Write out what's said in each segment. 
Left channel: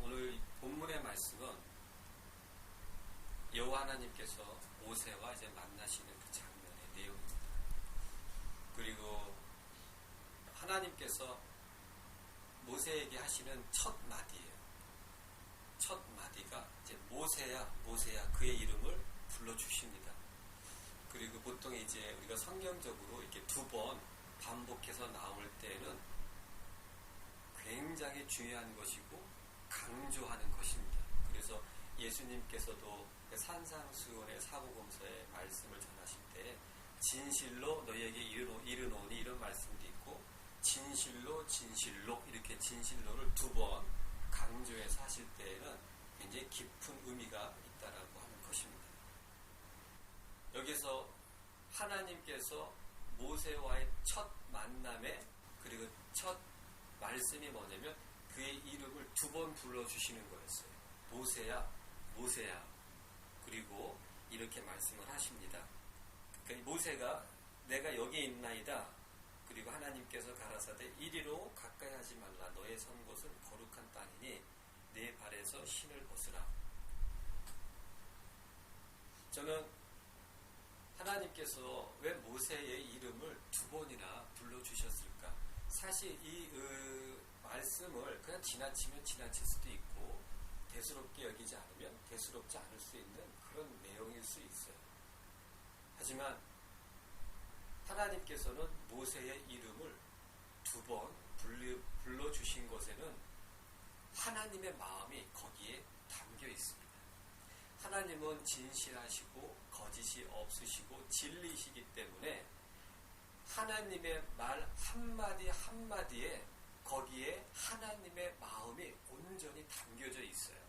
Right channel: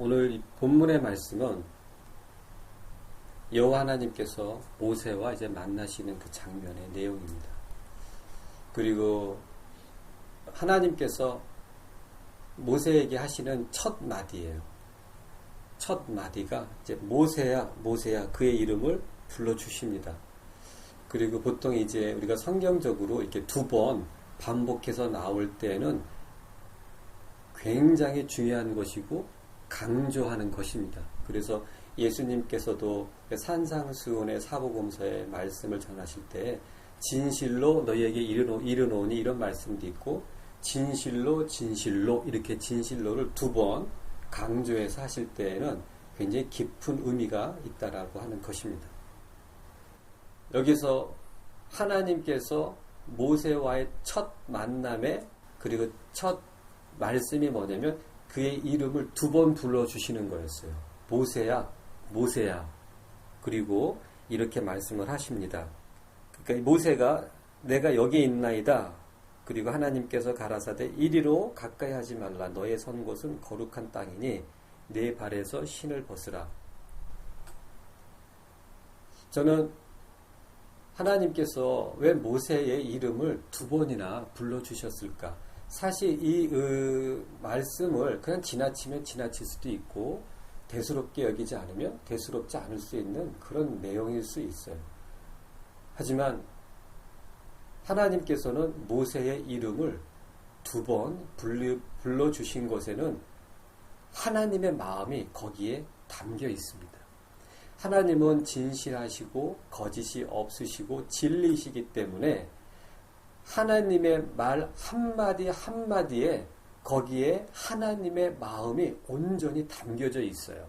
오늘 이 본문의 말씀은 여호와 하나님께서 모세와 이제 만나시는 그 장면의 내용입니다. 그리고 하나님께서 모세에게 하시는 첫 마디예요. 첫 마디가 이제 모세야, 모세야, 그의 이름을 불러주십니다. 그리고 보통 이제 우리가 성경적으로 이렇게 두 번 반복해서 나올 때는 굉장히 중요한 것이고 강조하는 것입니다. 그래서 예수님께서도 산상수훈의 사복음서의 말씀을 전하실 때 진실로 너희에게 이르노니 이런 말씀도 있고 진실로 진실로 이렇게 진실로를 두 번 강조해서 하실 때에는 굉장히 깊은 의미가 있다라고 하는 것입니다. 여기서 하나님께서 모세와의 첫 만남에 그리고 첫 말씀이 뭐냐면 그의 이름을 두 번 불러주시는 거였어요. 모세야, 모세야. 그리고 이렇게 말씀을 하십니다. 그러니까 모세가 내가 여기 있나이다. 그리고 하나님께서 가라사대 이리로 가까이 하지 말라. 너의 선 곳은 거룩한 땅이니 내 발에서 신을 벗으라. 저는 하나님께서 왜 모세의 이름을 두 번이나 불러주셨을까? 사실 이 말씀을 그냥 지나치면 지나칠 수도 있고 대수롭게 여기지 않으면 대수롭지 않을 수 있는 그런 내용일 수 있어요. 하지만 하나님께서는 모세의 이름을 두 번 불러주신 것에는 하나님의 마음이 거기에 담겨 있습니다. 하나님은 진실하시고 거짓이 없으시고 진리이시기 때문에 하나님의 말 한마디 한마디에 거기에 하나님의 마음이 온전히 담겨져 있어요.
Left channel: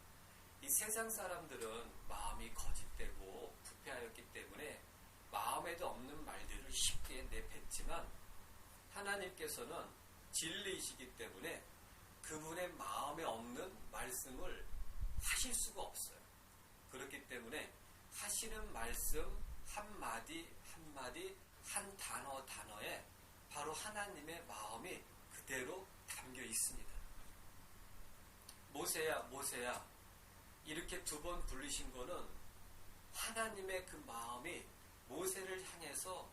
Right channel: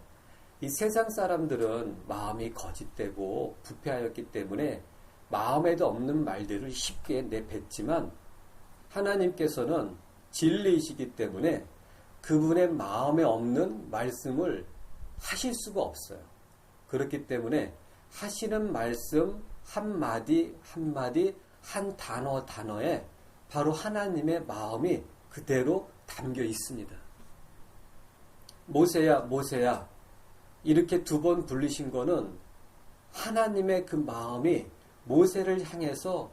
이 세상 사람들은 마음이 거짓되고 부패하였기 때문에 마음에도 없는 말들을 쉽게 내뱉지만 하나님께서는 진리이시기 때문에 그분의 마음에 없는 말씀을 하실 수가 없어요. 그렇기 때문에 하시는 말씀 한마디 한마디 한 단어 단어에 바로 하나님의 마음이 그대로 담겨 있습니다. 모세야, 모세야 이렇게 두 번 불리신 거는 하나님의 그 마음이 모세를 향해서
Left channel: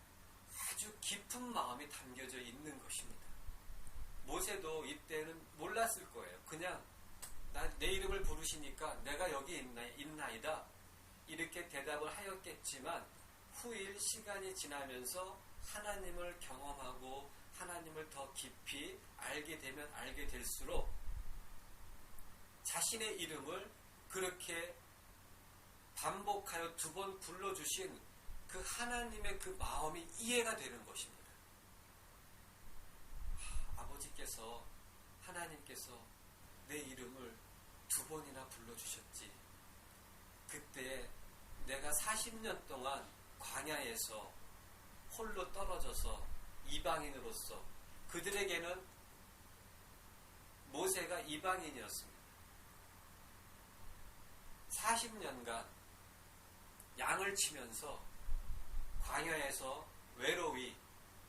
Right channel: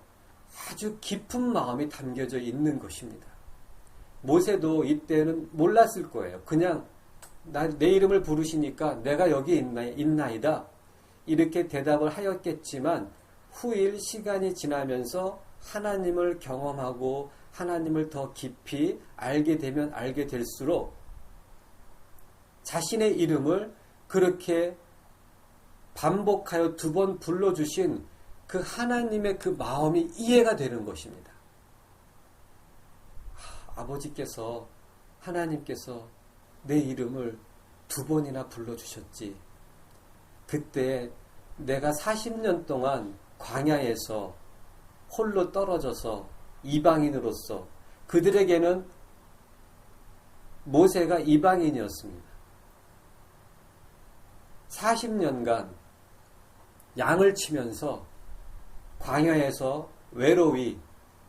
아주 깊은 마음이 담겨져 있는 것입니다. 모세도 이때는 몰랐을 거예요. 그냥 내 이름을 부르시니까 내가 여기 있나이다 이렇게 대답을 하였겠지만 후일 시간이 지나면서 하나님을 경험하고 하나님을 더 깊이 알게 되면 알게 될수록 자신의 이름을 그렇게 반복하여 두 번 불러주신 그 하나님의 그 마음이 이해가 되는 것입니다. 아버지께서 하나님께서 내 이름을 두 번이나 불러주셨지. 그때 내가 40년 동안 광야에서 홀로 떨어져서 이방인으로서 그들에게는 모세가 이방인이었습니다. 40년간 양을 치면서 광야에서 외로이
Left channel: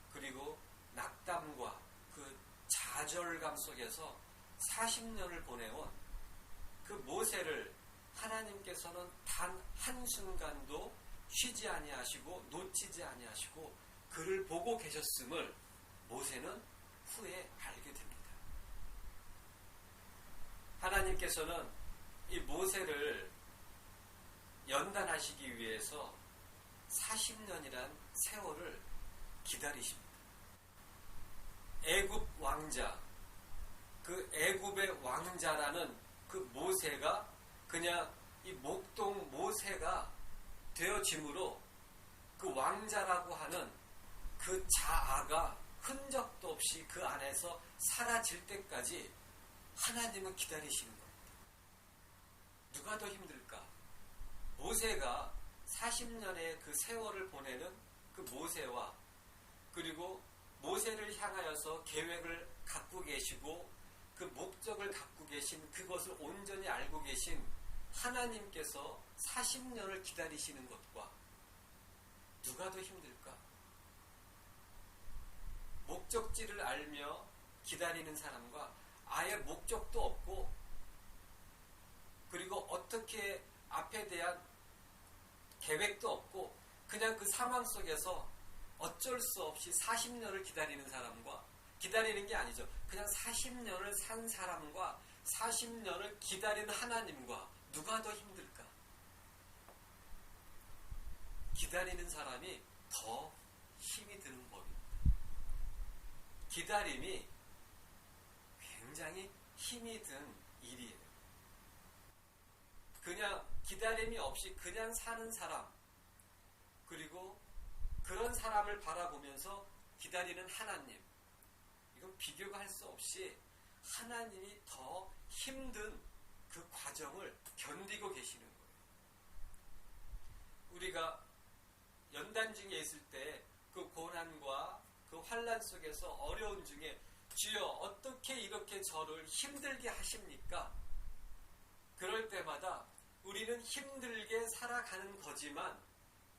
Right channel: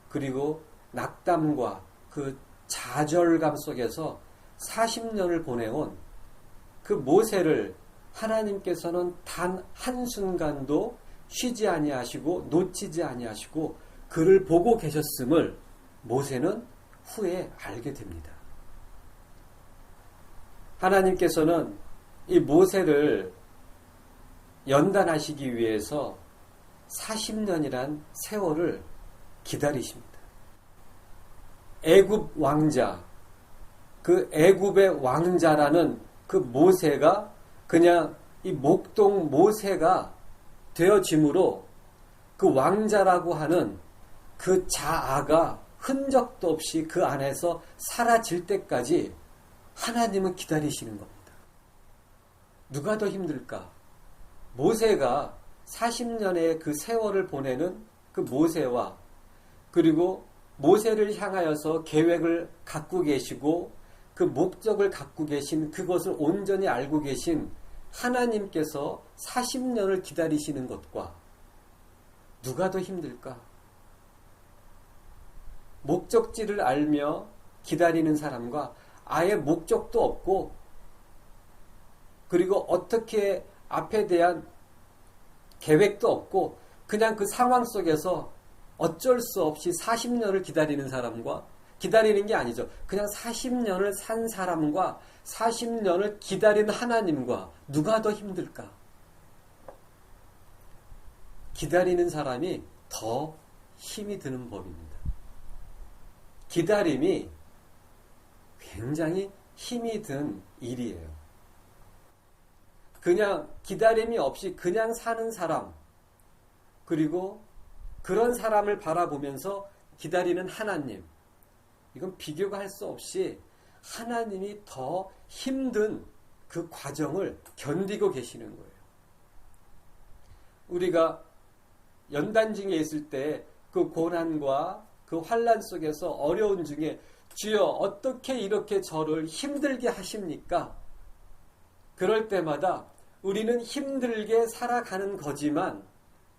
그리고 낙담과 그 좌절감 속에서 40년을 보내온 그 모세를 하나님께서는 단 한순간도 쉬지 아니하시고 놓치지 아니하시고 그를 보고 계셨음을 모세는 후에 알게 됩니다. 하나님께서는 이 모세를 연단하시기 위해서 40년이란 세월을 기다리십니다. 애굽 왕자, 그 애굽의 왕자라는 그 모세가 그냥 이 목동 모세가 되어짐으로 그 왕자라고 하는 그 자아가 흔적도 없이 그 안에서 사라질 때까지 하나님은 기다리시는 겁니다. 누가 더 힘들까? 모세가 40년의 그 세월을 보내는 그 모세와 그리고 모세를 향하여서 계획을 갖고 계시고 그 목적을 갖고 계신 그것을 온전히 알고 계신 하나님께서 40년을 기다리시는 것과 누가 더 힘들까? 목적지를 알며 기다리는 사람과 아예 목적도 없고 그리고 어떻게 앞에 대한 계획도 없고 그냥 그 상황 속에서 어쩔 수 없이 40년을 기다리는 사람과 기다리는 게 아니죠. 그냥 40년을 산 사람과 40년을 기다리는 하나님과 누가 더 힘들까? 기다리는 사람이 더 힘이 드는 법입니다. 기다림이 굉장히 힘이 든 일이에요. 그냥 기다림이 없이 그냥 사는 사람, 그리고 그런 사람을 바라보면서 기다리는 하나님, 이건 비교가 할 수 없이 하나님이 더 힘든 그 과정을 견디고 계시는 거예요. 우리가 연단 중에 있을 때 그 고난과 그 환난 속에서 어려운 중에 주여 어떻게 이렇게 저를 힘들게 하십니까? 그럴 때마다 우리는 힘들게 살아가는 거지만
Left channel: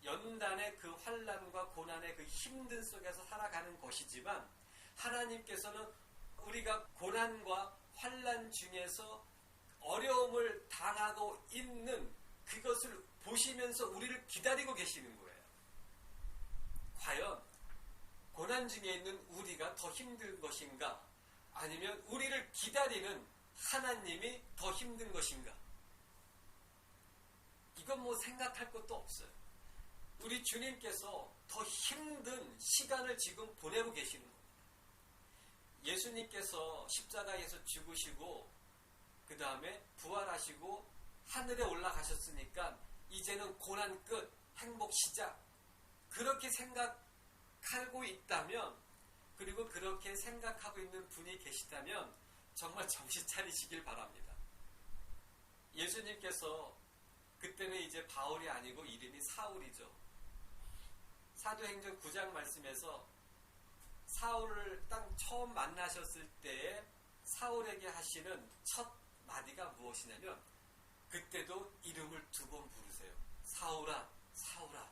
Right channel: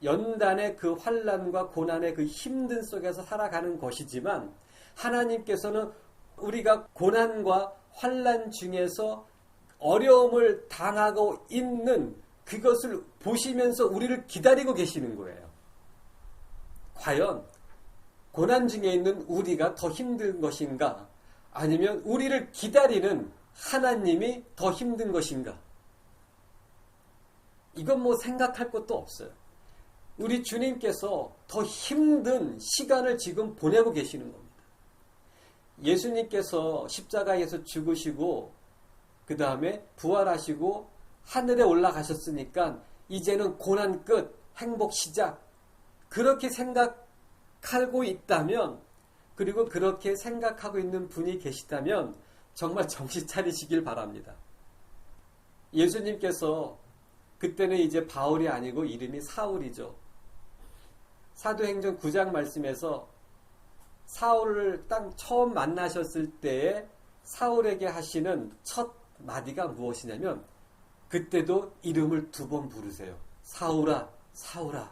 연단의 그 환난과 고난의 그 힘든 속에서 살아가는 것이지만 하나님께서는 우리가 고난과 환난 중에서 어려움을 당하고 있는 그것을 보시면서 우리를 기다리고 계시는 거예요. 과연 고난 중에 있는 우리가 더 힘든 것인가? 아니면 우리를 기다리는 하나님이 더 힘든 것인가? 이건 뭐 생각할 것도 없어요. 우리 주님께서 더 힘든 시간을 지금 보내고 계시는 겁니다. 예수님께서 십자가에서 죽으시고 그 다음에 부활하시고 하늘에 올라가셨으니까 이제는 고난 끝, 행복 시작, 그렇게 생각하고 있다면, 그리고 그렇게 생각하고 있는 분이 계시다면 정말 정신 차리시길 바랍니다. 예수님께서 그때는 이제 바울이 아니고 이름이 사울이죠. 사도행전 9장 말씀에서 사울을 딱 처음 만나셨을 때에 사울에게 하시는 첫 마디가 무엇이냐면 그때도 이름을 2번 부르세요. 사울아, 사울아,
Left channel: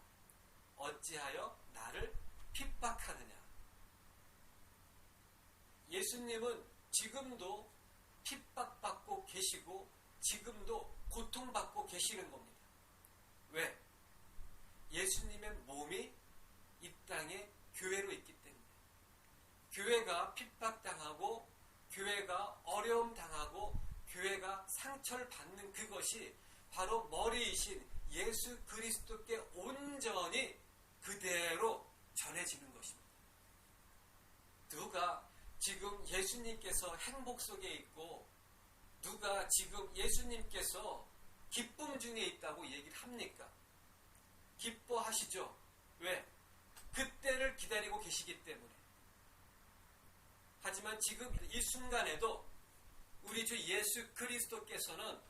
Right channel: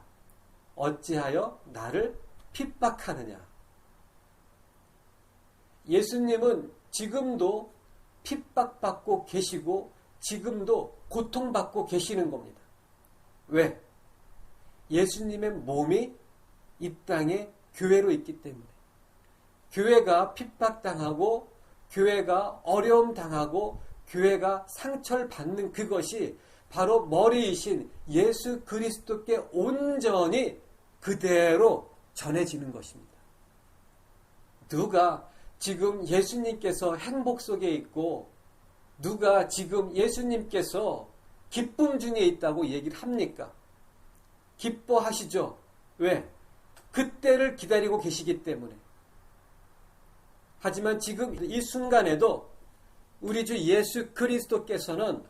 어찌하여 나를 핍박하느냐. 예수님은 지금도 핍박받고 계시고 지금도 고통받고 계시는 겁니다. 왜? 예수님의 몸이 이 땅에 교회로 있기 때문에. 교회가 핍박당하고 교회가 어려움 당하고 교회가 상처를 받는 그것이 바로 머리이신 예수 그리스도께 온전히 그대로 전해지는 것입니다. 누가 지금 예수님께서 행복 속에 있고 누가 지금 예수님께서 기쁨 중에 있다고 얘기를 합니까? 기뻐하시죠. 왜? 그때를 기다리고 계시기 때문에. 하지만 지금 이 순간에도 우리 주 예수 그리스도께서는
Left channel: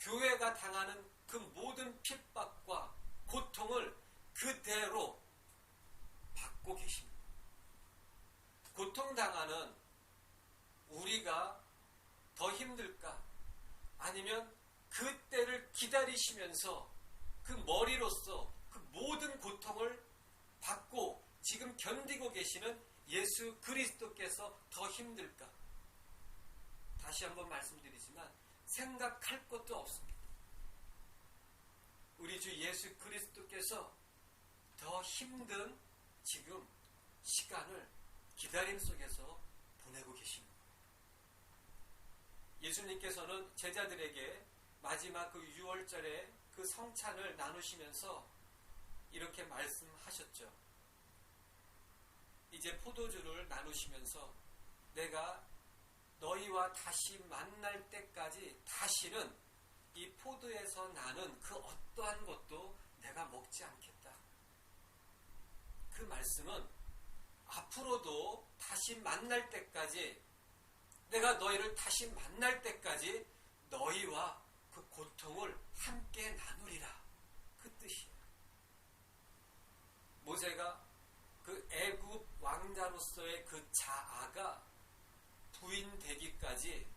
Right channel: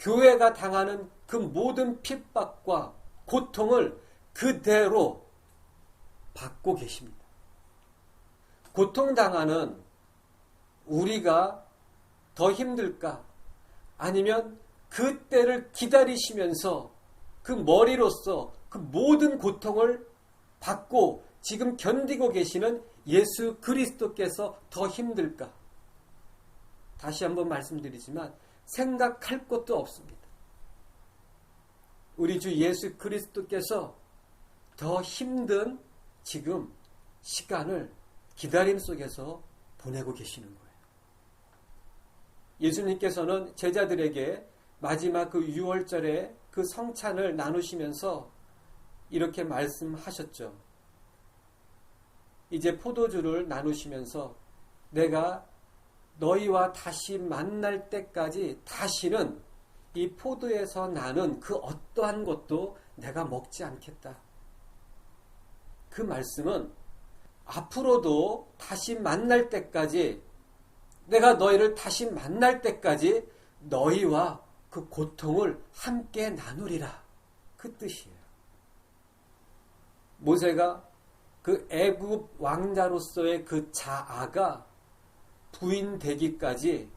교회가 당하는 그 모든 핍박과 고통을 그대로 받고 계십니다. 고통당하는 우리가 더 힘들까? 아니면 그때를 기다리시면서 그 머리로서 그 모든 고통을 받고 지금 견디고 계시는 예수 그리스도께서 더 힘들까? 다시 한번 말씀드리지만 생각할 것도 없습니다. 우리 주 예수 그리스도께서 더 힘든 지금 시간을 기다림 속에서 보내고 계시는 거예요. 예수님께서는 제자들에게 마지막 그 6월절에 그 성찬을 나누시면서 이렇게 말씀하셨죠. 이제 포도주를 나누시면서 내가 너희와 다시 만날 때까지 다시는 이 포도에서 나는 그 어떠한 것도 내가 먹지 않겠다. 그 말씀은 앞으로도 다시 만날 때까지, 내가 너희를 다시 만날 때까지 너희와 그 고통을 함께 나누리라. 그 뜻이에요. 모세가 그 애굽 왕자로서의 그 자아가 부인되기까지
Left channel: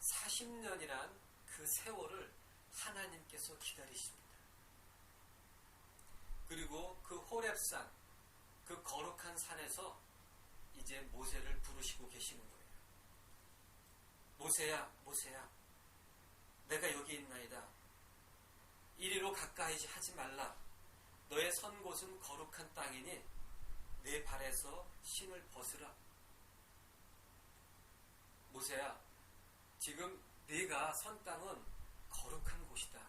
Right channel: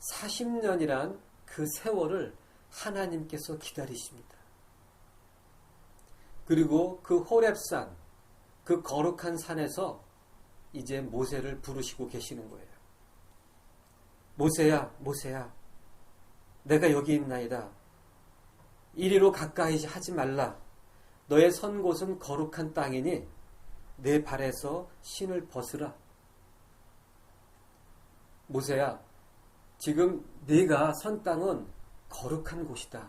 40년이란 그 세월을 하나님께서 기다리십니다. 그리고 그 호렙산, 그 거룩한 산에서 이제 모세를 부르시고 계시는 거예요. 모세야, 모세야, 내가 여기 있나이다. 이리로 가까이 하지 말라. 너의 선 곳은 거룩한 땅이니 내 발에서 신을 벗으라. 모세야, 지금 네가 선 땅은 거룩한 곳이다.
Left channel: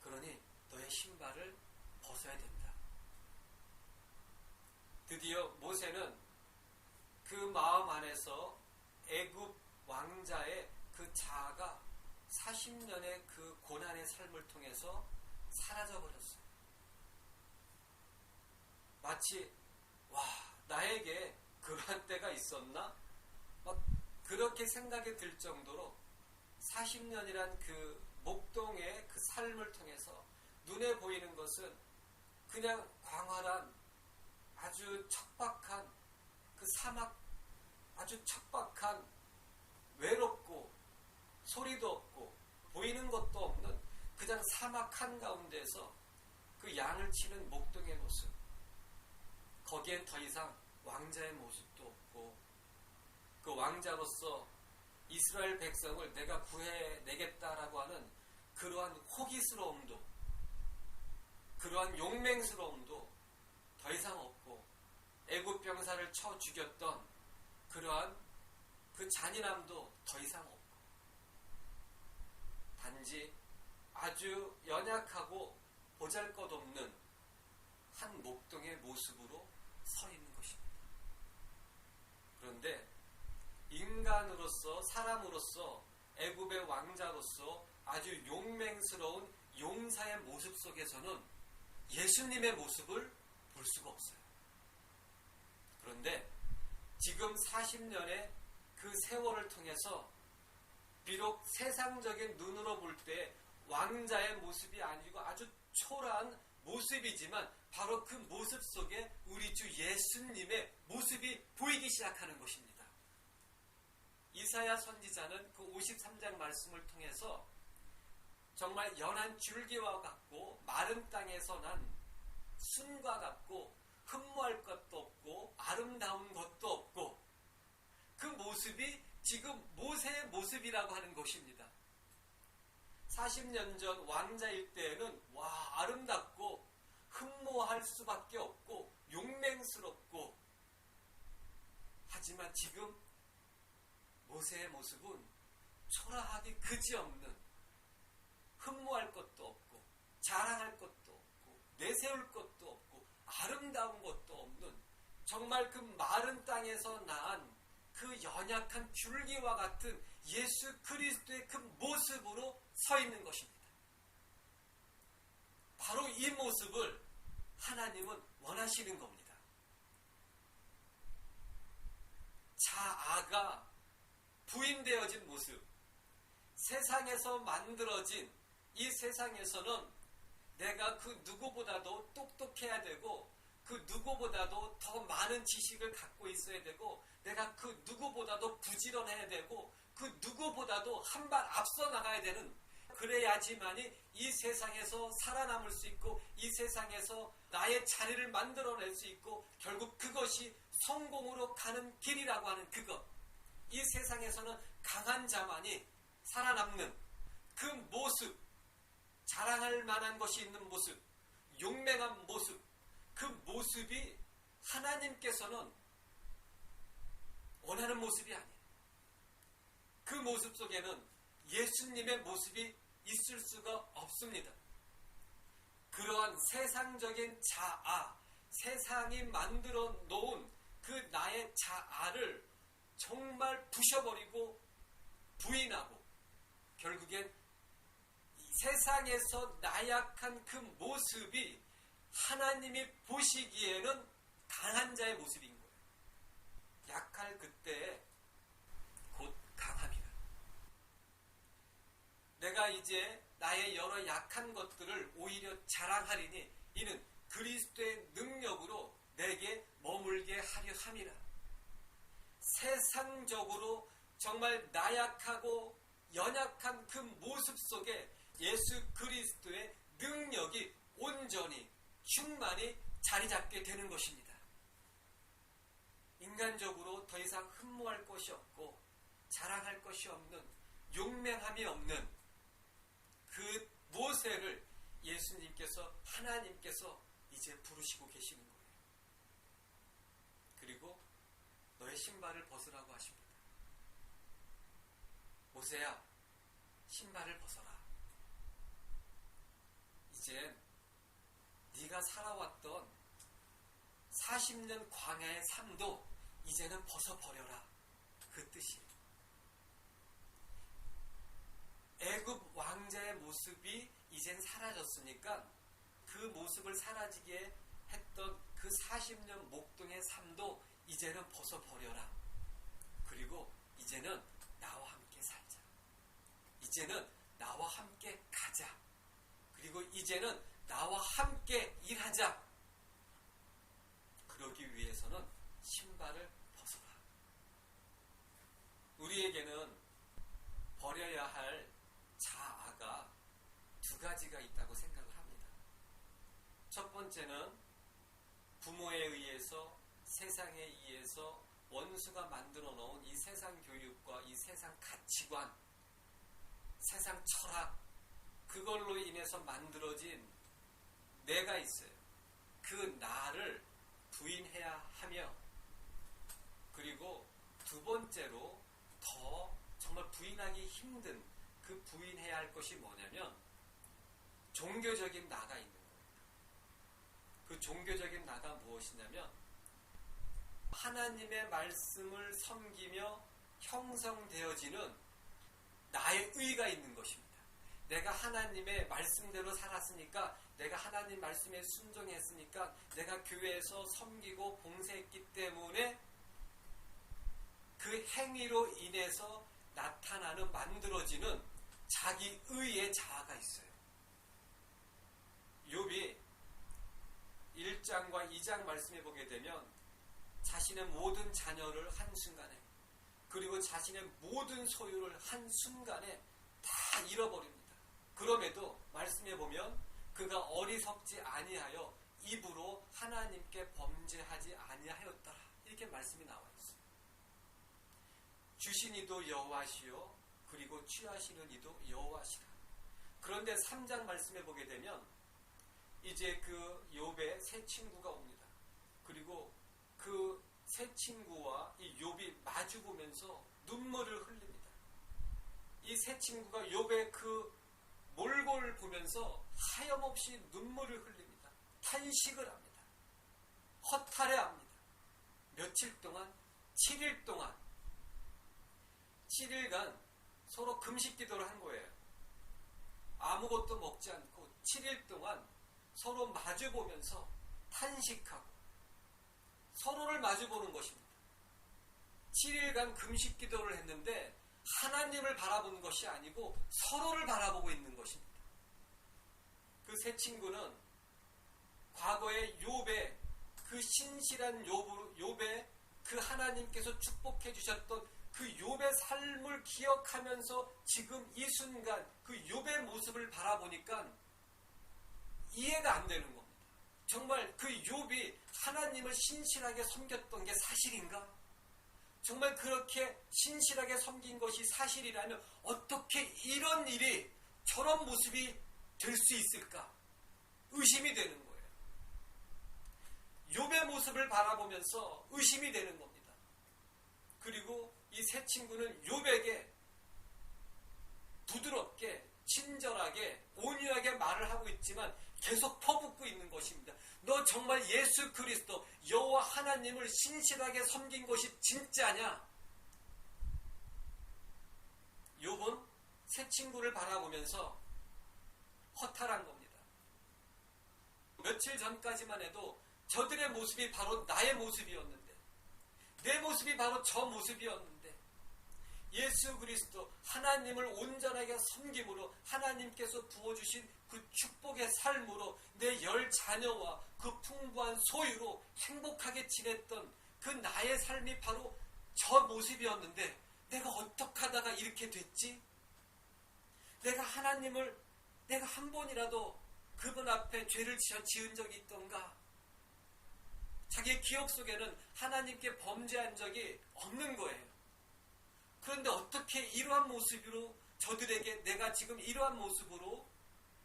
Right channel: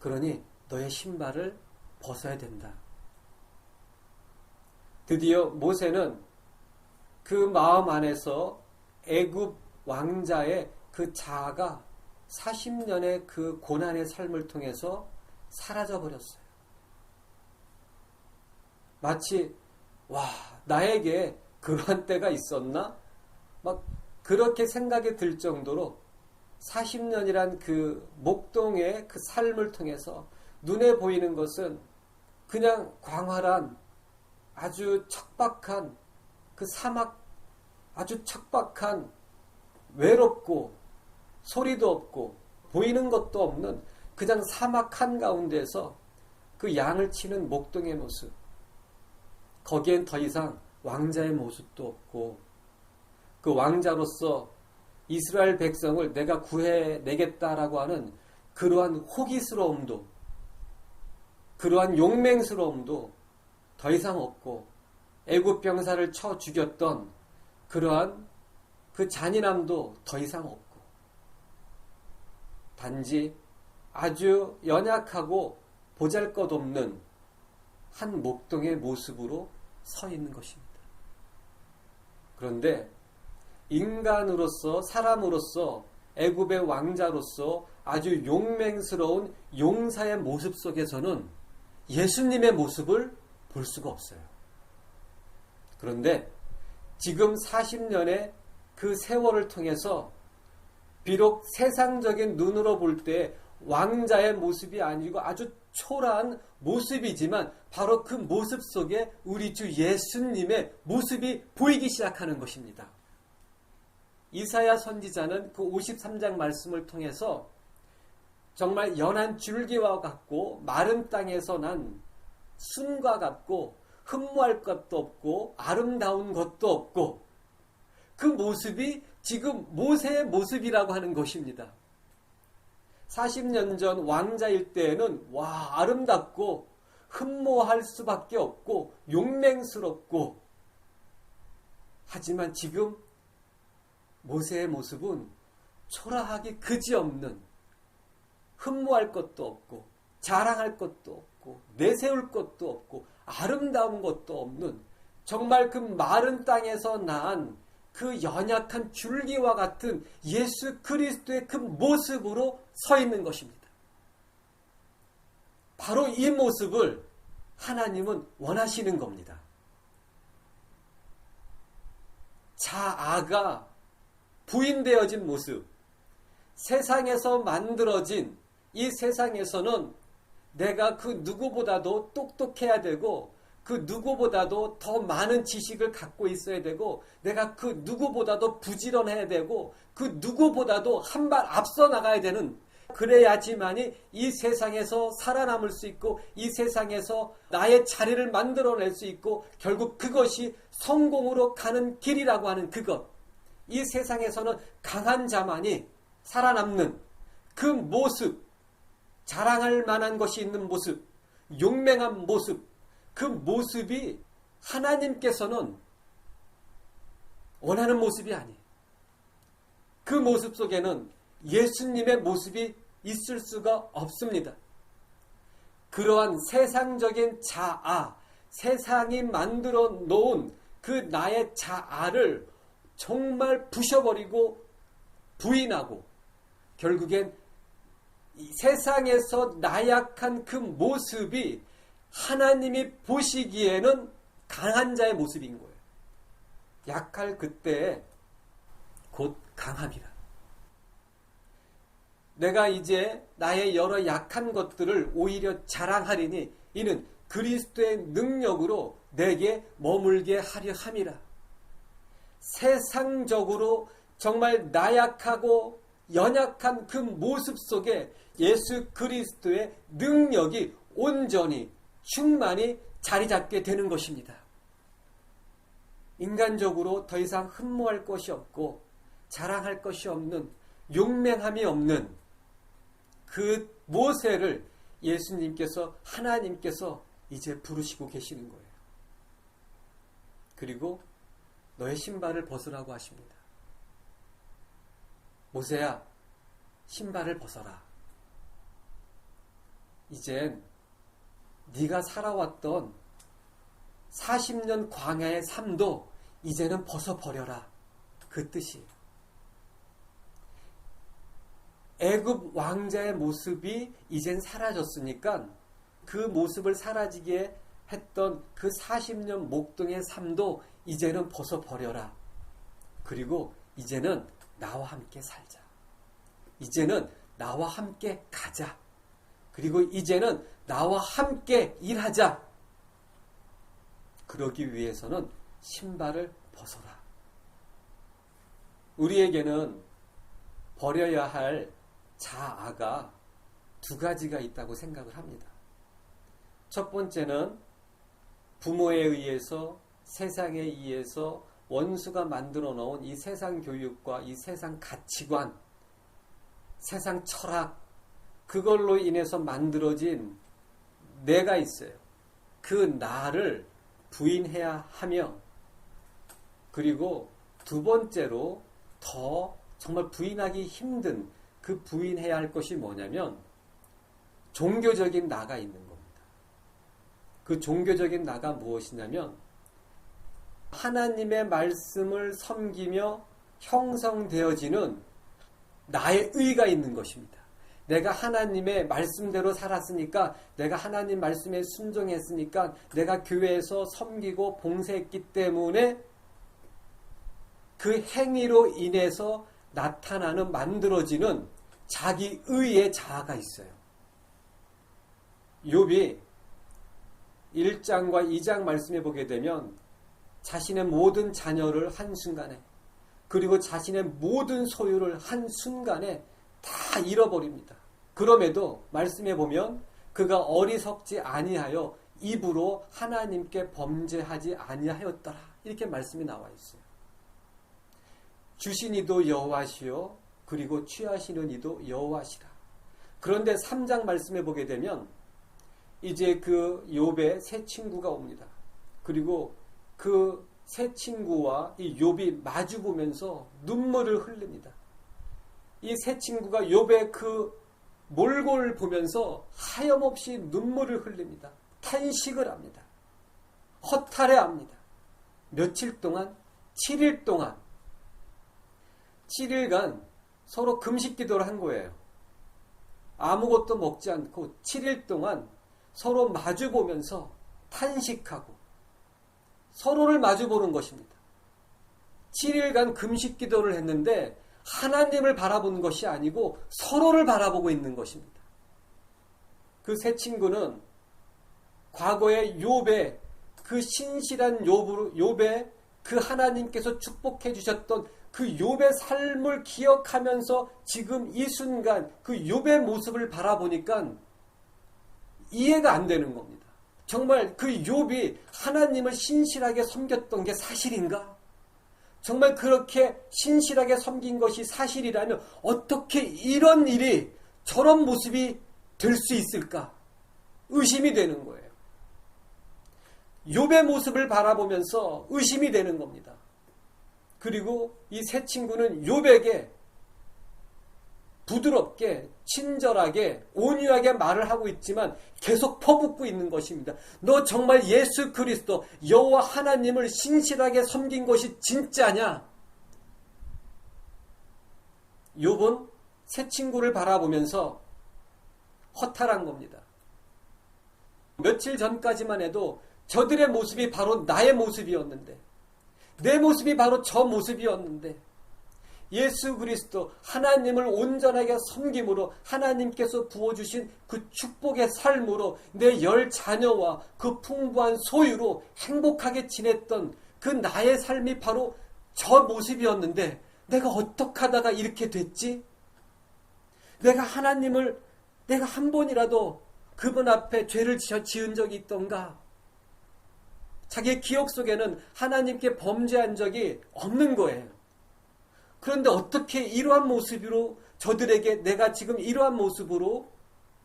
그러니 너의 신발을 벗어야 된다. 드디어 모세는 그 마음 안에서 애굽 왕자의 그 자아가 40년의 그 고난의 삶을 통해서 사라져버렸어요. 마치 나에게 그런 때가 있었나? 막 그렇게 생각이 들 정도로 40년이란 그 목동의 그 삶을 통해서 눈에 보이는 것은 그냥 광활한 아주 척박한 그 사막, 아주 척박한 외롭고 소리도 없고 보이는 것도 없는 그냥 사막 한가운데서 그 양을 치는 목동의 모습, 거기엔 더 이상 왕자의 모습도 없고 그 왕자로서 이스라엘 백성을 내가 구해내겠다라고 하는 그러한 호기스러움도, 그러한 용맹스러움도 더 이상 없고, 애굽 병사를 쳐 죽였던 그러한 그 잔인함도 더 이상 없고, 단지 아주 연약하고 보잘것없는 한 목동의 모습으로 서 있는 것입니다. 그런데 인간으로서, 사람으로서, 애굽의 왕자로서 아주 용맹스러운 용사의 모습 속에서는 예수님의 모습을 볼 수가 없어요. 그런데 지금 40년의 그 세월을 통해서 비록 세상적인 눈으로 볼 때 왕자의 모습이 아니고 아주 초라한 모습이지만 바로 그 모습 속에 우리 주 예수님의 모습이 보이기 시작하는 것입니다. 이사야 선지자는 그 53장 말씀을 통해서 정말 연한 줄기와 같고 마른 땅에서 난 순과 같고 흠모할 것도 없고 아름다운 것도 없고 그 모습이 지금 모세의 모습이라고 하는 것입니다. 40년 전 왕자일 때에는 아름답고 흠모할 수밖에 없고 용맹스럽고, 하지만 지금 모세의 모습은 초라하기 그지없는, 흠모할 것도 없고 자랑할 것도 없고 내세울 것도 없고 아름다운 것도 없는, 정말 그 마른 땅에서 난 그 연약한 줄기와 같은 예수 그리스도의 그 모습으로 서 있는 것입니다. 바로 이 모습을 하나님은 원하시는 겁니다. 자아가 부인되어진 모습, 세상에서 만들어진 이 세상에서는 내가 그 누구보다도 똑똑해야 되고 그 누구보다도 더 많은 지식을 갖고 있어야 되고 내가 그 누구보다도 부지런해야 되고 그 누구보다도 한 발 앞서 나가야 되는, 그래야지만이 이 세상에서 살아남을 수 있고 이 세상에서 나의 자리를 만들어낼 수 있고 결국 그것이 성공으로 가는 길이라고 하는 그것, 이 세상에서는 강한 자만이 살아남는 그 모습, 자랑할 만한 것이 있는 모습, 용맹한 모습, 그 모습이 하나님께서는 원하는 모습이 아니에요. 그 모습 속에는 예수님의 모습이 있을 수가 없습니다. 그러한 세상적인 자아, 세상이 만들어 놓은 그 나의 자아를 정말 부셔버리고 부인하고 결국엔 이 세상에서 나약한 그 모습이 하나님이 보시기에는 강한 자의 모습인 거예요. 약할 그때에 곧 강함이라. 내가 이제 나의 여러 약한 것들을 오히려 자랑하리니 이는 그리스도의 능력으로 내게 머물게 하려 함이라. 세상적으로 정말 나약하고 연약한 그 모습 속에 예수 그리스도의 능력이 온전히 충만히 자리 잡게 되는 것입니다. 인간적으로 더 이상 흠모할 것이 없고 자랑할 것이 없는, 용맹함이 없는 그 모세를 예수님께서, 하나님께서 이제 부르시고 계시는 거예요. 그리고 너의 신발을 벗으라고 하십니다. 모세야, 신발을 벗어라. 이젠 네가 살아왔던 40년 광야의 삶도 이제는 벗어버려라. 그 뜻이에요. 애굽 왕자의 모습이 이젠 사라졌으니까 그 모습을 사라지게 했던 그 40년 목동의 삶도 이제는 벗어버려라. 그리고 이제는 나와 함께 살자. 이제는 나와 함께 가자. 그리고 이제는 나와 함께 일하자. 그러기 위해서는 신발을 벗어라. 우리에게는 버려야 할 자아가 두 가지가 있다고 생각을 합니다. 첫 번째는 부모에 의해서, 세상에 의해서 원수가 만들어 놓은 이 세상 교육과 이 세상 가치관, 세상 철학, 그걸로 인해서 만들어진 내가 있어요. 그 나를 부인해야 하며, 그리고 두 번째로 더 정말 부인하기 힘든 그 부인해야 할 것이 뭐냐면 종교적인 나가 있는 겁니다. 그 종교적인 나가 무엇이냐면 하나님의 말씀을 섬기며 형성되어지는 나의 의가 있는 것입니다. 내가 하나님의 말씀대로 살았으니까, 내가 하나님 말씀에 순종했으니까, 내가 교회에서 섬기고 봉사했기 때문에 그 행위로 인해서 나타나는, 만들어지는 자기 의의 자아가 있어요. 욥이 1장과 2장 말씀해 보게 되면 자신의 모든 자녀를 한순간에, 그리고 자신의 모든 소유를 한순간에 다 잃어버립니다. 그럼에도 말씀해 보면 그가 어리석지 아니하여 입으로 하나님께 범죄하지 아니하였더라. 이렇게 말씀이 나와 있어요. 주신 이도 여호와시요 그리고 취하시는 이도 여호와시라. 그런데 3장 말씀해 보게 되면 이제 그 욥의 세 친구가 옵니다. 그리고 그 세 친구와 이 욥이 마주 보면서 눈물을 흘립니다. 이 세 친구가 욥의 그 몰골을 보면서 하염없이 눈물을 흘립니다. 탄식을 합니다. 허탈해합니다. 며칠 동안, 7일 동안, 7일간 서로 금식 기도를 한 거예요. 아무것도 먹지 않고 7일 동안 서로 마주 보면서 탄식하고 서로를 마주 보는 것입니다. 7일간 금식 기도를 했는데 하나님을 바라보는 것이 아니고 서로를 바라보고 있는 것입니다. 그 세 친구는 과거의 욥의 그 신실한 욥의 그 하나님께서 축복해 주셨던 그 욥의 삶을 기억하면서 지금 이 순간 그 욥의 모습을 바라보니까 이해가 안 되는 겁니다. 정말 그 욥이 하나님을 신실하게 섬겼던 게 사실인가? 정말 그렇게 신실하게 섬긴 것이 사실이라면 어떻게 이런 일이, 저런 모습이 될 수 있을까? 의심이 되는 거예요. 욥의 모습을 바라보면서 의심이 되는 겁니다. 그리고 이 세 친구는 욥에게 부드럽게, 친절하게, 온유하게 말을 하고 있지만 계속 퍼붓고 있는 것입니다. 너 정말 예수 그리스도 여호와 하나님을 신실하게 섬긴 것이 진짜냐? 욥은 세 친구를 바라보면서 허탈한 겁니다. 며칠 전까지만 해도 저들의 모습이 바로 나의 모습이었는데, 내 모습이 바로 저 모습이었는데, 예수 그리스도 하나님을 온전하게 섬김으로 하나님께서 부어주신 그 축복의 삶으로 내 10자녀와 그 풍부한 소유로 행복하게 지냈던 그 나의 삶이 바로 저 모습이었는데 내가 어떻게 하다가 이렇게 됐지? 내가 하나님을, 내가 한 번이라도 그분 앞에 죄를 지은 적이 있던가? 자기의 기억 속에는 하나님께 범죄한 적이 없는 거예요. 그런데 어떻게 이러한 모습으로 저들에게 내가 지금 이러한 모습으로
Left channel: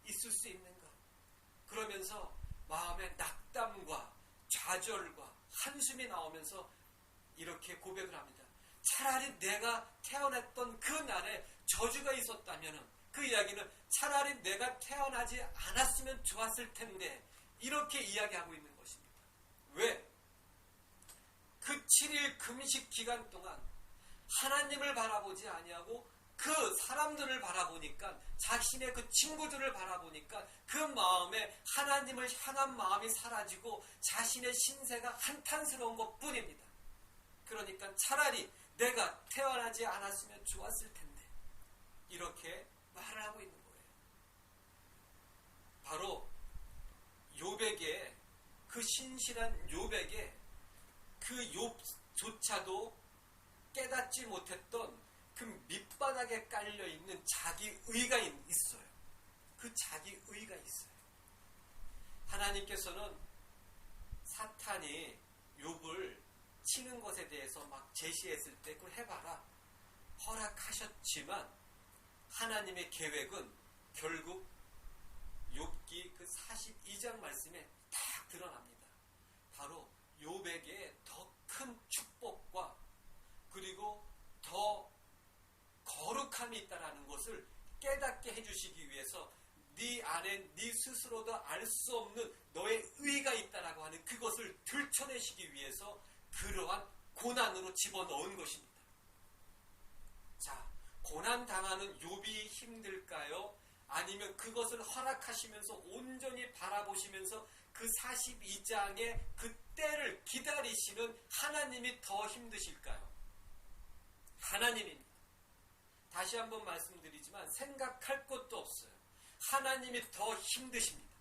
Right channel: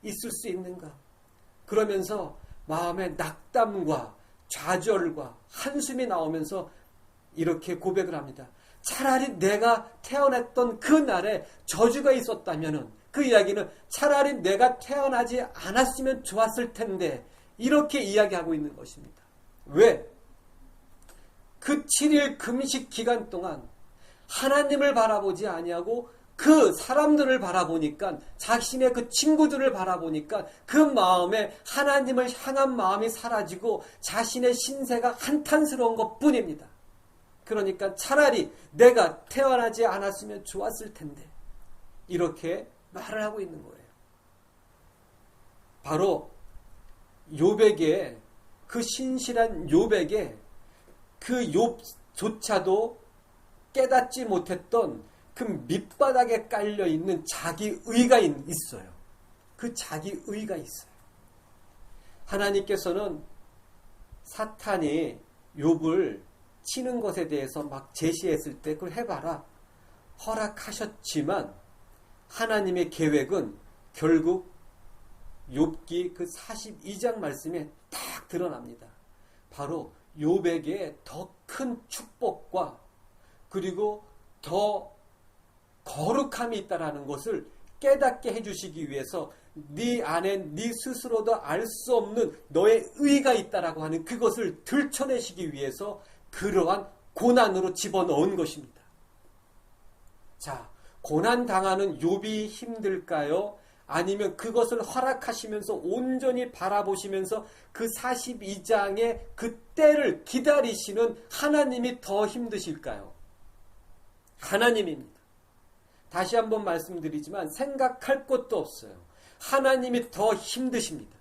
있을 수 있는가? 그러면서 마음에 낙담과 좌절과 한숨이 나오면서 이렇게 고백을 합니다. 차라리 내가 태어났던 그 날에 저주가 있었다면은, 그 이야기는 차라리 내가 태어나지 않았으면 좋았을 텐데, 이렇게 이야기하고 있는 것입니다. 왜? 그 7일 금식 기간 동안 하나님을 바라보지 아니하고 그 사람들을 바라보니까, 자신의 그 친구들을 바라보니까 그 마음에 하나님을 향한 마음이 사라지고 자신의 신세가 한탄스러운 것 뿐입니다. 그러니까 차라리 내가 태어나지 않았으면 좋았을 텐데, 이렇게 말을 하고 있는 거예요. 바로 욥에게, 그 신실한 욥에게 그 욥조차도 깨닫지 못했던 그 밑바닥에 깔려있는 자기 의가 있어요. 그 자기 의가 있어요. 하나님께서는 사탄이 욥을 치는 것에 대해서 막 제시했을 때 그걸 해봐라 허락하셨지만, 하나님의 계획은 결국 욥기 그 42장 말씀에 딱 드러납니다. 바로 욥에게 더 큰 축복과 그리고 더 거룩함이 있다라는 것을 깨닫게 해주시기 위해서 네 안에 네 스스로도 알 수 없는 너의 의가 있다라고 하는 그것을 들춰내시기 위해서 그러한 고난으로 집어넣은 것입니다. 자, 고난 당하는 욥이 힘들까요? 아니면 그것을 허락하시면서 온전히 바라보시면서 그 42장의 그 때를 기다리시는 하나님이 더 힘드실까요? 하나님입니다. 다시 한번 말씀드리지만 생각할 것도 없어요. 하나님이 더 힘드십니다.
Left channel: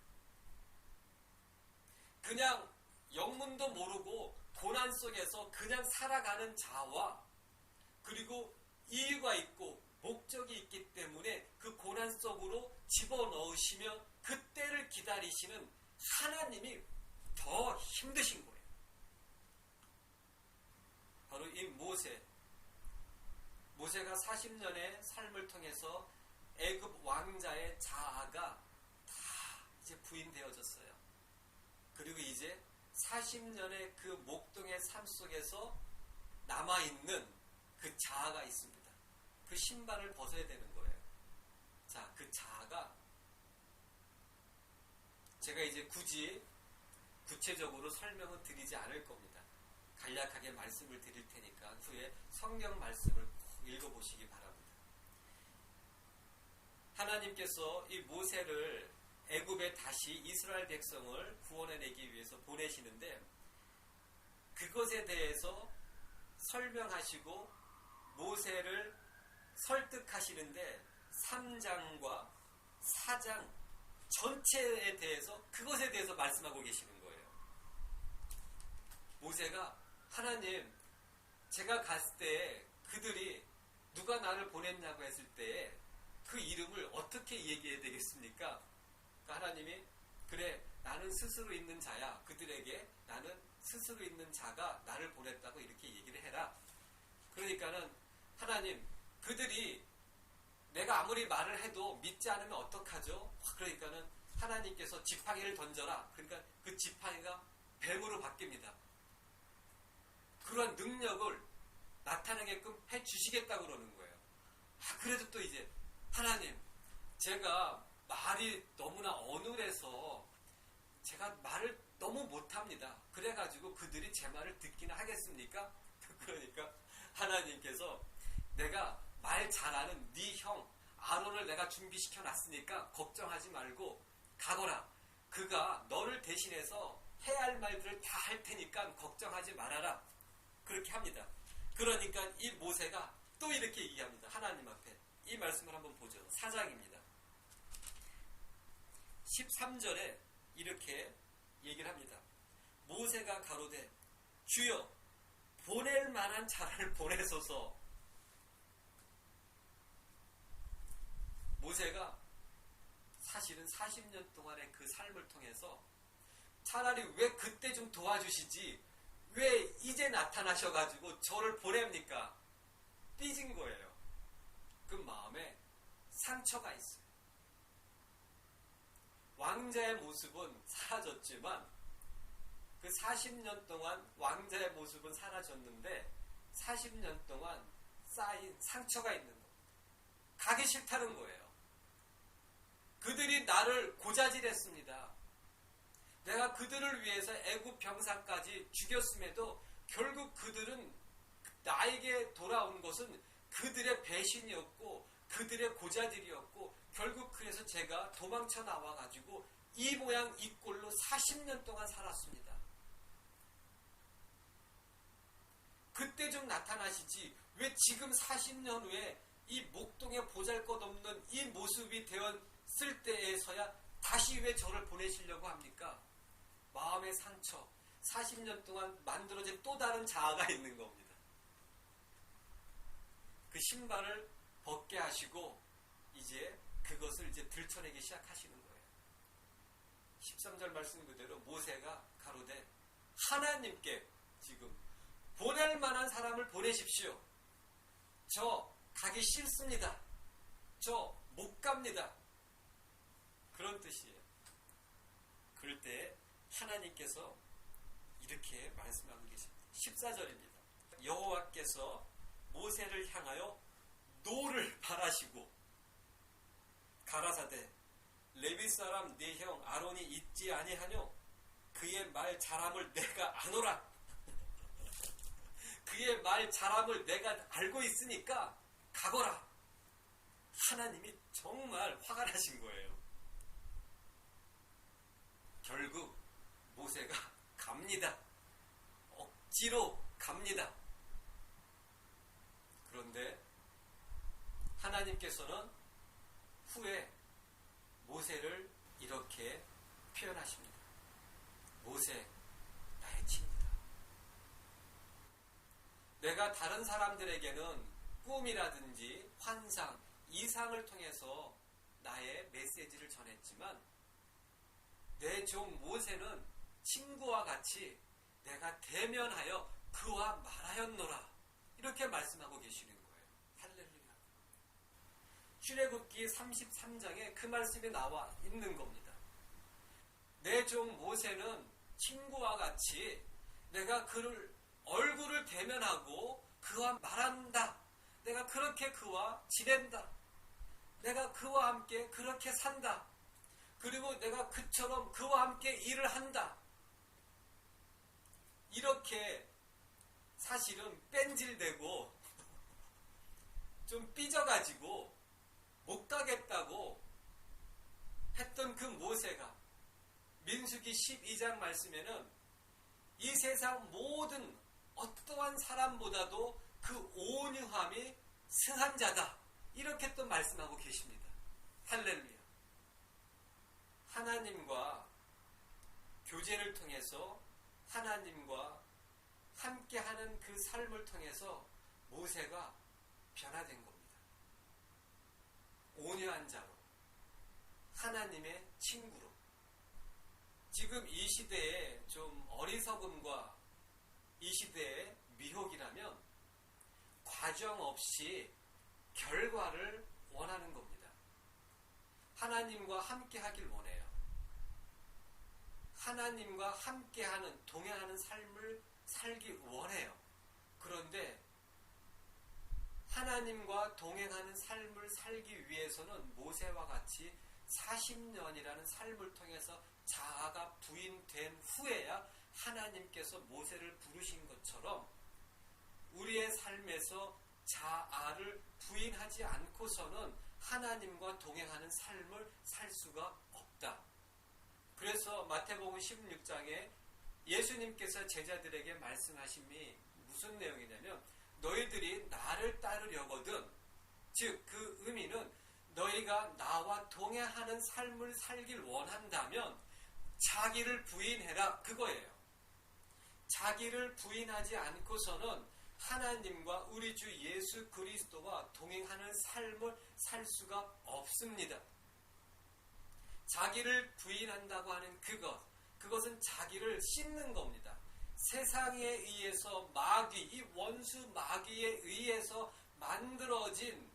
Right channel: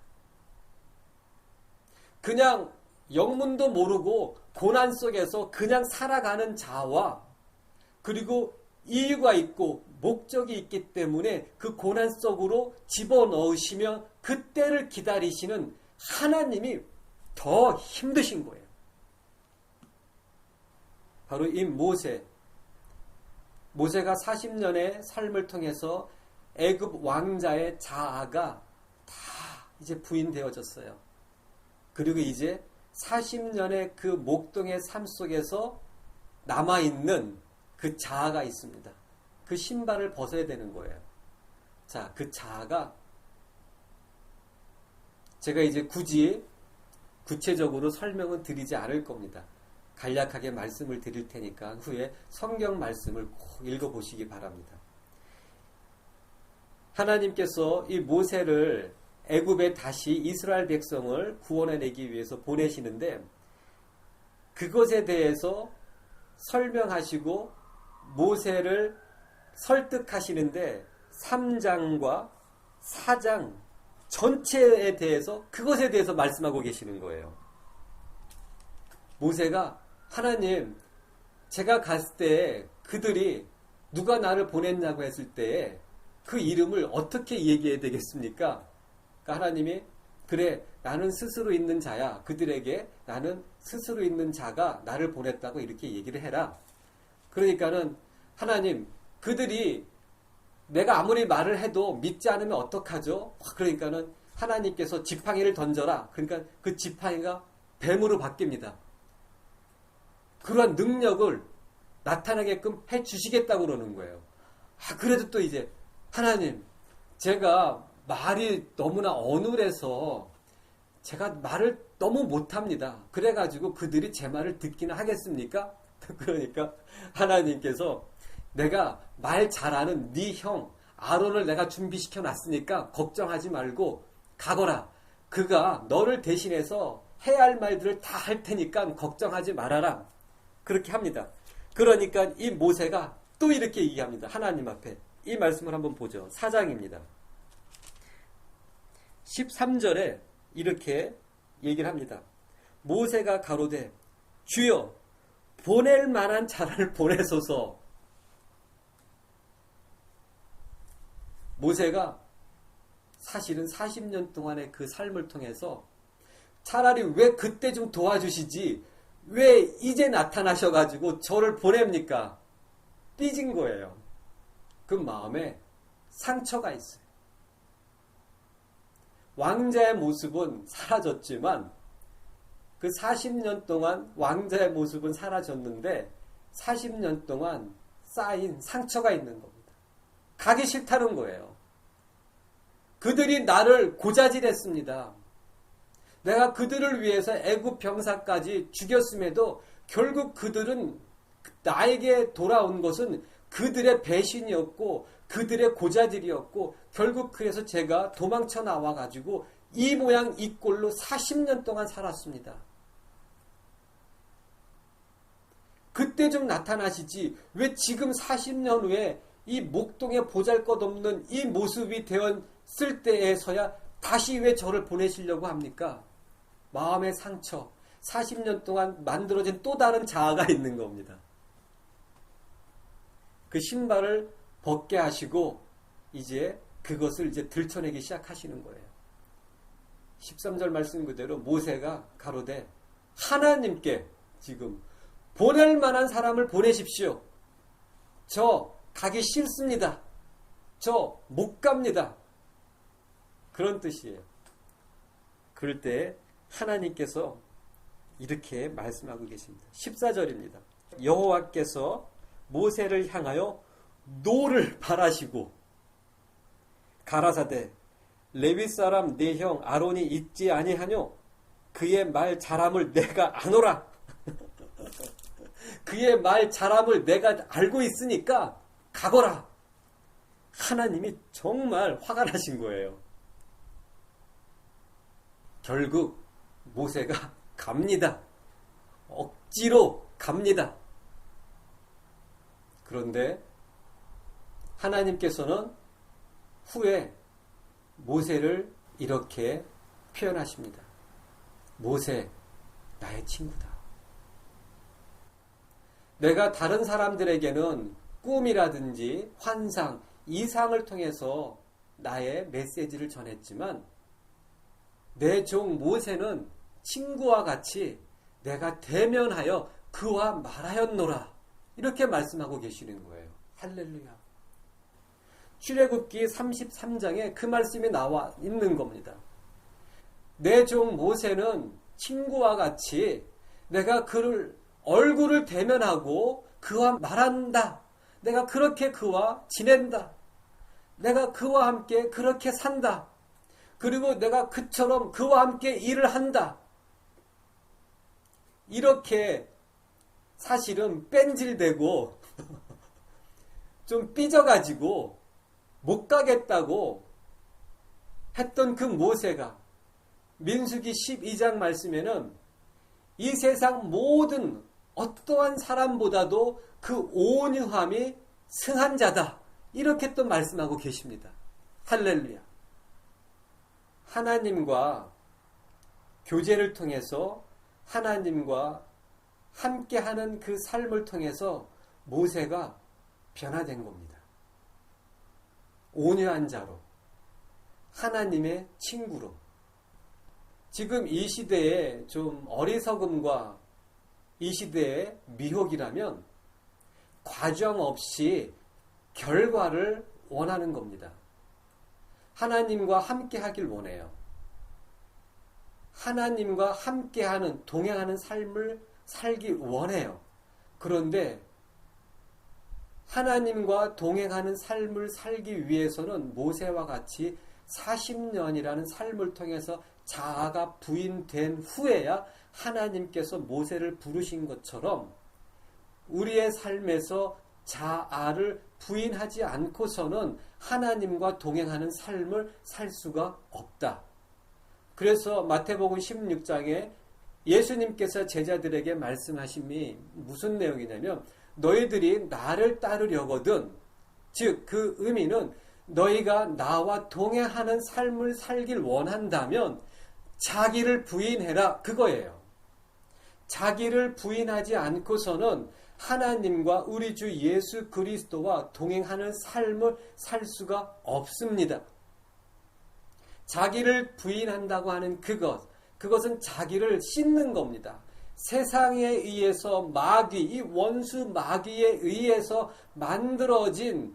그냥 영문도 모르고 고난 속에서 그냥 살아가는 자와, 그리고 이유가 있고 목적이 있기 때문에 그 고난 속으로 집어넣으시며 그 때를 기다리시는 하나님이 더 힘드신 거예요. 바로 이 모세가 40년의 삶을 통해서 애굽 왕자의 자아가 다 이제 부인되어졌어요. 그리고 이제 40년의 그 목동의 삶 속에서 남아있는 그 자아가 있습니다. 그 신발을 벗어야 되는 거예요. 자, 그 자아가 제가 이제 굳이 구체적으로 설명은 드리지 않을 겁니다. 간략하게 말씀을 드릴 테니까 후에 성경 말씀을 꼭 읽어보시기 바랍니다. 하나님께서 이 모세를 애굽에 다시 이스라엘 백성을 구원해내기 위해서 보내시는데, 그것에 대해서 설명하시고 모세를 설득하시는데 3장과 4장 전체에 대해서, 그것에 대해서 말씀하고 계시는 거예요. 모세가 하나님, 제가 갔을 때 그들이 누가 나를 보냈냐고 했을 때 그 이름을 어떻게 얘기해야 되겠습니까? 그러니까 하나님이 그래, 나는 스스로 있는 자야. 그들에게 나는 스스로 있는 자가 나를 보냈다고 이렇게 얘기를 해라. 그러니까는 하나님, 그들이 내가 아무리 말을 해도 믿지 않으면 어떡하죠? 그러니까는 하나님께서 지팡이를 던져라. 그러니까 그 지팡이가 뱀으로 바뀝니다. 그러한 능력을 나타나게끔 해 주시겠다고 그러는 거예요. 그래도 또 이제 하나님, 제가 말이 너무나 어눌해서 제가 말을 너무 못합니다. 그래가지고 그들이 제 말을 듣기는 하겠습니까? 그러니까 하나님께서 내가 말 잘하는 네 형 아론을 내가 준비시켜 놨으니까 걱정하지 말고 가거라. 그가 너를 대신해서 해야 할 말들을 다 할 테니까 걱정하지 말아라. 그렇게 합니다. 그러니까 이 모세가 또 이렇게 얘기합니다. 하나님 앞에. 이 말씀을 한번 보죠. 4장입니다. 13절에 이렇게 얘기를 합니다. 모세가 가로되 주여 보낼 만한 자를 보내소서. 모세가 사실은 40년 동안의 그 삶을 통해서 차라리 왜 그때 좀 도와주시지 왜 이제 나타나셔가지고 저를 보냅니까? 삐진 거예요. 그 마음에 상처가 있어요. 왕자의 모습은 사라졌지만 그 40년 동안 왕자의 모습은 사라졌는데 40년 동안 쌓인 상처가 있는 겁니다. 가기 싫다는 거예요. 그들이 나를 고자질했습니다. 내가 그들을 위해서 애굽 병사까지 죽였음에도 결국 그들은 나에게 돌아온 것은 그들의 배신이었고 그들의 고자질이었고 결국 그래서 제가 도망쳐 나와가지고 이 모양 이 꼴로 40년 동안 살았습니다. 그때 좀 나타나시지 왜 지금 40년 후에 이 목동에 보잘것없는 이 모습이 되었을 때에서야 다시 왜 저를 보내시려고 합니까? 마음의 상처, 40년 동안 만들어진 또 다른 자아가 있는 겁니다. 그 신발을 벗게 하시고 이제 그것을 이제 들춰내기 시작하시는 거예요. 13절 말씀 그대로 모세가 가로되 하나님께 지금 보낼 만한 사람을 보내십시오. 저 가기 싫습니다. 저 못 갑니다. 그런 뜻이에요. 그럴 때 하나님께서 이렇게 말씀하고 계십니다. 14절입니다. 여호와께서 모세를 향하여 노를 바라시고 가라사대 레위 사람 내 형 아론이 있지 아니하뇨 그의 말 잘함을 내가 아노라. 그의 말 잘함을 내가 알고 있으니까 가거라. 하나님이 정말 화가 나신 거예요. 결국 모세가 갑니다. 억지로 갑니다. 그런데 하나님께서는 후에 모세를 이렇게 표현하십니다. 모세, 나의 친구다. 내가 다른 사람들에게는 꿈이라든지 환상, 이상을 통해서 나의 메시지를 전했지만 내 종 모세는 친구와 같이 내가 대면하여 그와 말하였노라. 이렇게 말씀하고 계시는 거예요. 할렐루야. 출애굽기 33장에 그 말씀이 나와 있는 겁니다. 내 종 모세는 친구와 같이 내가 그를 얼굴을 대면하고 그와 말한다. 내가 그렇게 그와 지낸다. 내가 그와 함께 그렇게 산다. 그리고 내가 그처럼 그와 함께 일을 한다. 이렇게 사실은 뺀질대고 좀 삐져가지고 못 가겠다고 했던 그 모세가 민수기 12장 말씀에는 이 세상 모든 어떠한 사람보다도 그 온유함이 승한 자다. 이렇게 또 말씀하고 계십니다. 할렐루야. 하나님과 교제를 통해서 하나님과 함께하는 그 삶을 통해서 모세가 변화된 겁니다. 온유한 자로, 하나님의 친구로. 지금 이 시대의 좀 어리석음과 이 시대의 미혹이라면 과정 없이 결과를 원하는 겁니다. 하나님과 함께 하길 원해요. 하나님과 함께하는, 동행하는 삶을 살기 원해요. 그런데 하나님과 동행하는 삶을 살기 위해서는 모세와 같이 40년이라는 삶을 통해서 자아가 부인된 후에야 하나님께서 모세를 부르신 것처럼 우리의 삶에서 자아를 부인하지 않고서는 하나님과 동행하는 삶을 살 수가 없다. 그래서 마태복음 16장에 예수님께서 제자들에게 말씀하심이 무슨 내용이냐면 너희들이 나를 따르려거든, 즉 그 의미는 너희가 나와 동행하는 삶을 살길 원한다면 자기를 부인해라, 그거예요. 자기를 부인하지 않고서는 하나님과 우리 주 예수 그리스도와 동행하는 삶을 살 수가 없습니다. 자기를 부인한다고 하는 그것은 자기를 씻는 겁니다. 세상에 의해서 마귀, 이 원수 마귀에 의해서 만들어진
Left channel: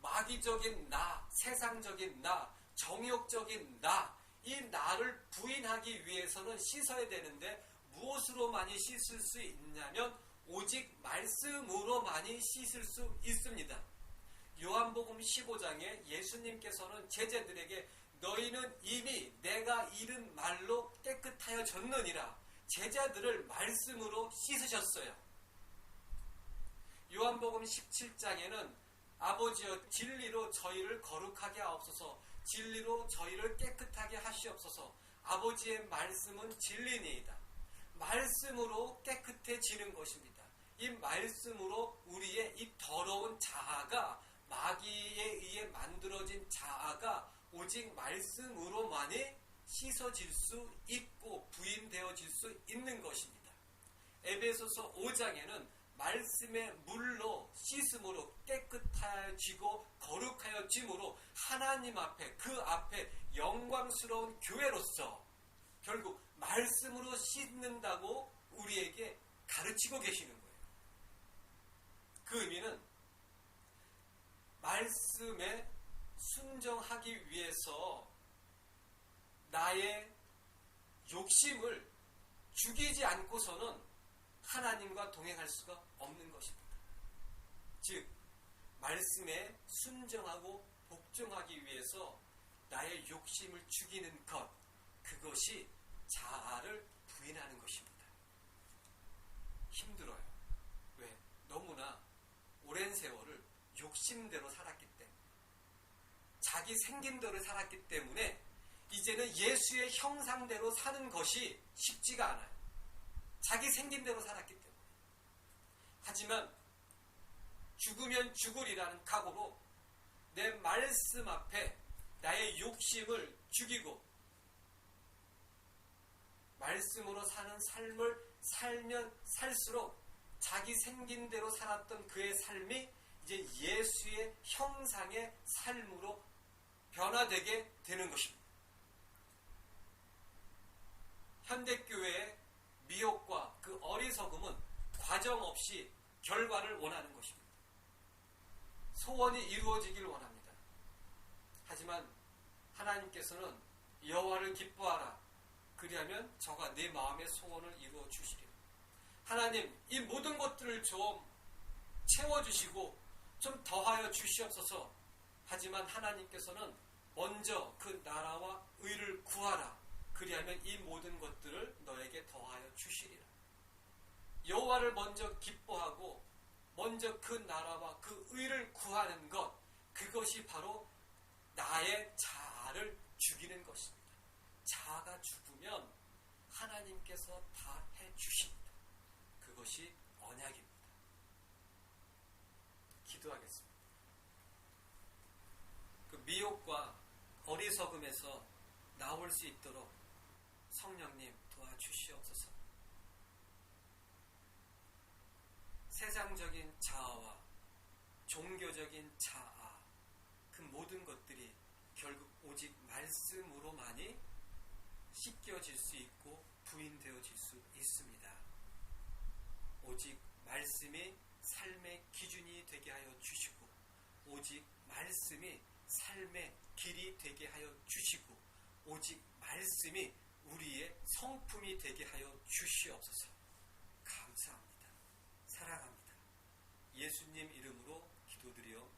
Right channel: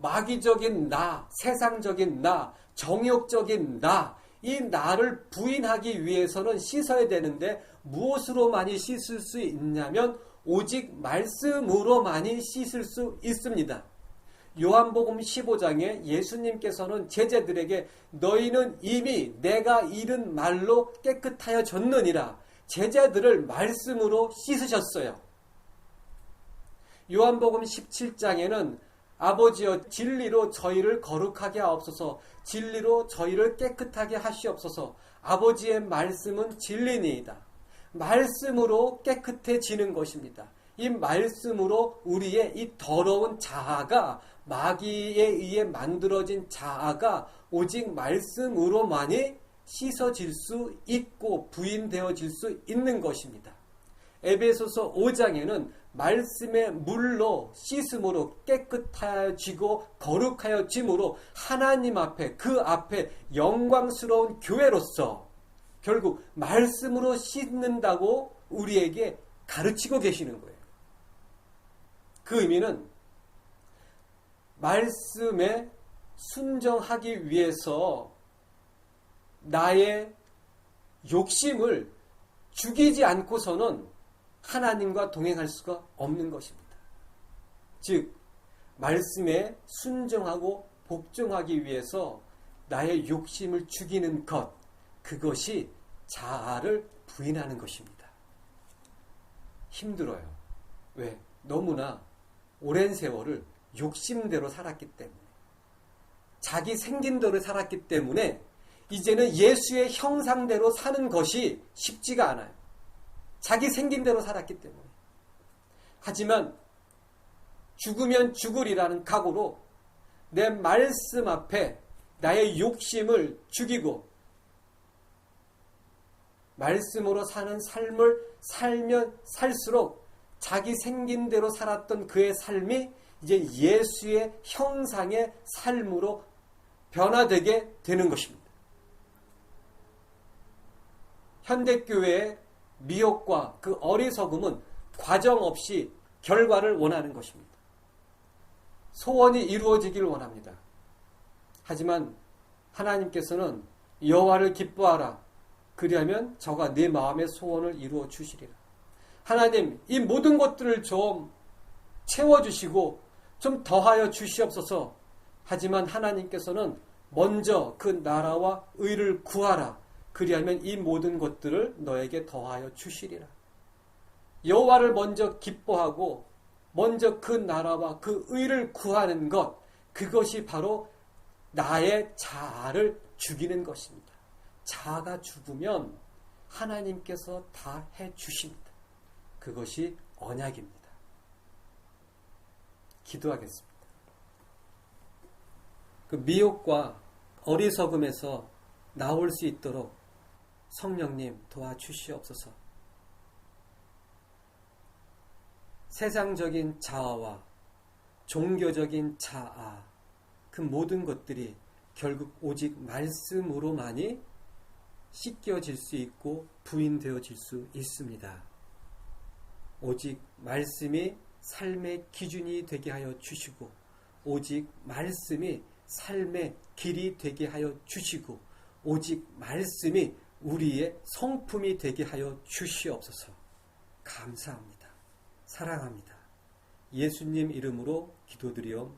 마귀적인 나, 세상적인 나, 정욕적인 나, 이 나를 부인하기 위해서는 씻어야 되는데 무엇으로 많이 씻을 수 있냐면 오직 말씀으로만이 씻을 수 있습니다. 요한복음 15장에 예수님께서는 제자들에게 너희는 이미 내가 이른 말로 깨끗하여졌느니라 제자들을 말씀으로 씻으셨어요. 요한복음 17장에는 아버지여 진리로 저희를 거룩하게 하옵소서 진리로 저희를 깨끗하게 하시옵소서 아버지의 말씀은 진리니이다. 말씀으로 깨끗해지는 것입니다. 이 말씀으로 우리의 이 더러운 자아가 마귀에 의해 만들어진 자아가 오직 말씀으로만이 씻어질 수 있고 부인되어질 수 있는 것입니다. 에베소서 5장에는 말씀의 물로 씻음으로 깨끗해지고 거룩하여짐으로 하나님 앞에 그 앞에 영광스러운 교회로서 결국 말씀으로 씻는다고 우리에게 가르치고 계시는 거예요. 그 의미는 말씀에 순종하기 위해서 나의 욕심을 죽이지 않고서는 하나님과 동행할 수가 없는 것입니다. 즉 말씀에 순종하고 복종하기 위해서 나의 욕심을 죽이는 것 그것이 자아를 부인하는 것입니다. 힘들어요. 왜? 너무나 오랜 세월을 욕심대로 살았기 때문에 자기 생긴 대로 살았기 때문에 이제는 예수의 형상대로 사는 것이 쉽지가 않아요. 자기 생긴 대로 살았기 때문에. 하지만 죽으면 죽으리라는 각오로 내 말씀 앞에 나의 욕심을 죽이고 말씀으로 사는 삶을 살면 살수록 자기 생긴 대로 살았던 그의 삶이 이제 예수의 형상의 삶으로 변화되게 되는 것입니다. 현대교회의 미혹과 그 어리석음은 과정 없이 결과를 원하는 것입니다. 소원이 이루어지길 원합니다. 하지만 하나님께서는 여호와를 기뻐하라. 그리하면 저가 네 마음의 소원을 이루어 주시리라. 하나님, 이 모든 것들을 좀 채워주시고 좀 더하여 주시옵소서. 하지만 하나님께서는 먼저 그 나라와 의를 구하라. 그리하면 이 모든 것들을 너에게 더하여 주시리라. 여호와를 먼저 기뻐하고 먼저 그 나라와 그 의를 구하는 것, 그것이 바로 나의 자아를 죽이는 것입니다. 자아가 죽으면 하나님께서 다 해주십니다. 그것이 언약입니다. 기도하겠습니다. 그 미혹과 어리석음에서 나올 수 있도록 성령님 도와주시옵소서. 세상적인 자아와 종교적인 자아, 그 모든 것들이 결국 오직 말씀으로만이 씻겨질 수 있고 부인되어질 수 있습니다. 오직 말씀이 삶의 기준이 되게 하여 주시고 오직 말씀이 삶의 길이 되게 하여 주시고 오직 말씀이 우리의 성품이 되게 하여 주시옵소서. 감사합니다. 사랑합니다. 예수님 이름으로 기도드려